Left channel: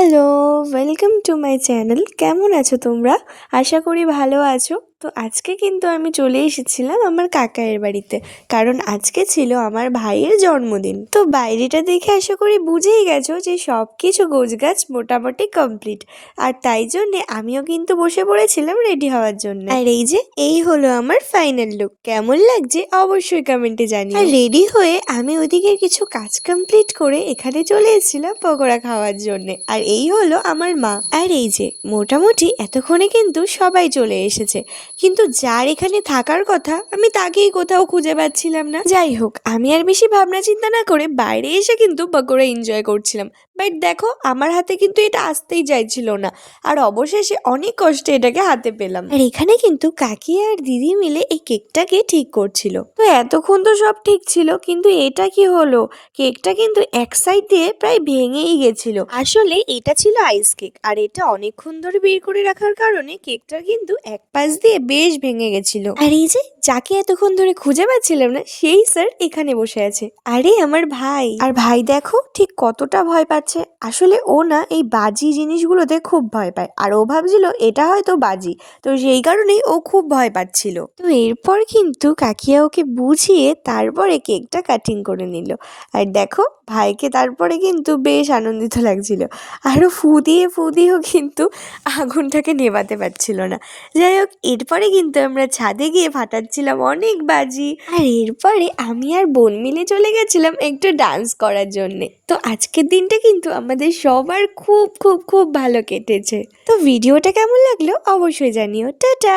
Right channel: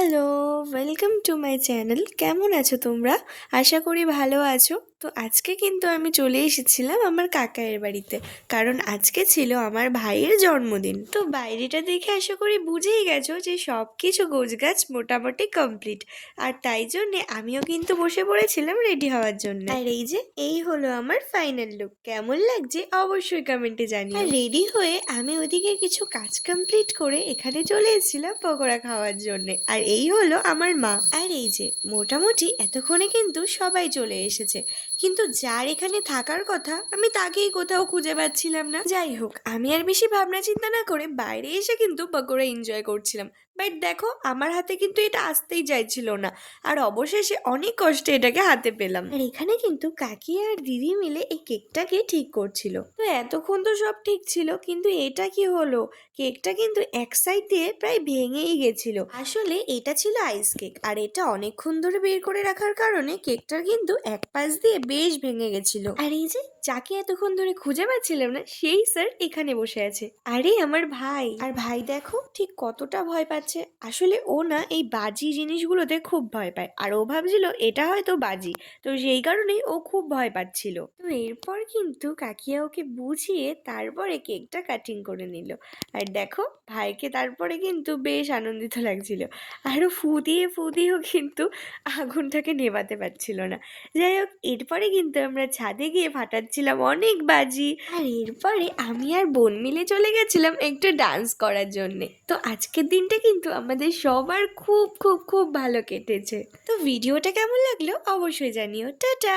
Hello, welcome to my channel. কেমন আছো তোমরা? আশা করি ভালো আছো। তো আজকে কিন্তু আমি চলে এসেছিলাম আমার কাকায়ের বাড়িতে, কারণ আজকে ছিল আমার ভাইয়ের জন্মদিন। তো বাইরেটা দেখে আশা করি বুঝেই গেছো যে সব কিছু গোছগাছ মোটামুটি কমপ্লিট। আর তাই জন্যে আমিও কিন্তু বসে পড়েছিলাম রেডি হওয়ার জন্য। আর এই হলো আমার ফাইনাল লুক। কেমন লাগছে অবশ্যই কমেন্টে জানিও। আর রেডি হয়ে আমি ওইদিকে কিছু কাজ কমপ্লিট করে এখানে চলে এসেছিলাম পকোড়া খাওয়ার জন্য। আর এই হলো আমার মা। আর মোটামুটি এতক্ষণে কিন্তু সবাই চলে এসেছে, কিন্তু যার এখানে থাকার কথা আমি তাকেই কোথাও খুঁজে পাচ্ছিলাম না। যাই হোক, আমি আর বেশি ভাবনা চিন্তা না করে বাইরে এসে কিন্তু পকোড়া এনজয় করছিলাম। বাট দেখো, আমার হাতে কিন্তু এটা আসতেই চাইছিল না, আর অবশেষে অনেক কষ্টে এটাকে হাতে পেলাম। আর এখানে কিন্তু কাকি আর দিদি মিলে এই কেকটাকে ঠিক করছিল। তো এতক্ষণ তো সব ঠিক ছিল, কিন্তু এটা কি হলো? কেকটা কিন্তু এক সাইড দিয়ে প্রায় ভেঙেই গেছিল। আসলে এটা ছিল আইস কেক, আর এটা অনেকক্ষণ ধরে বের করে রাখার কারণে কেকটা কিন্তু এক পাশ দিয়ে বেশ ভেঙে গেছিল। আর যাকে এতক্ষণ ধরে খুঁজে পাচ্ছিলাম না, সেই স্যার এখানে বসে আছে। আরে আমার ভাই! আর ভাই দেখো ঠিক কতটা ভয় পাচ্ছে। আসলে ও না এই বাজি জিনিসগুলোতে খুব ভয় পায়, আর ও ভাবছিল এটা হয়তো বাজি, তো সেই কারণেই ও খুব ভয় পাচ্ছিল। তো এরপর কিন্তু কাকিয়া ওকে বুঝিয়ে তারপরে কেকটা কাটিং করে নিল। আর দেখো, ভাইকে তারপরে কিন্তু বেশ আনন্দিত লাগছিল, আরও ফু দিয়েও কিন্তু আগুনটাকে নেভাতে পারছিল না। যাই হোক, এরপরে কিন্তু আমরা ছাদে গিয়ে ফাটাচ্ছিলাম অনেক বাজি। আর এরপরে আমি আর বোন মিলে চলে গেছিলাম একটু ডান্স করার জন্যে। তো আজকের দিনটা কিন্তু আমাদের সবার খুব খুব খুব ভালো কেটেছে। তো ভিডিওটা কেমন লাগলো অবশ্যই জানিও। টাটা।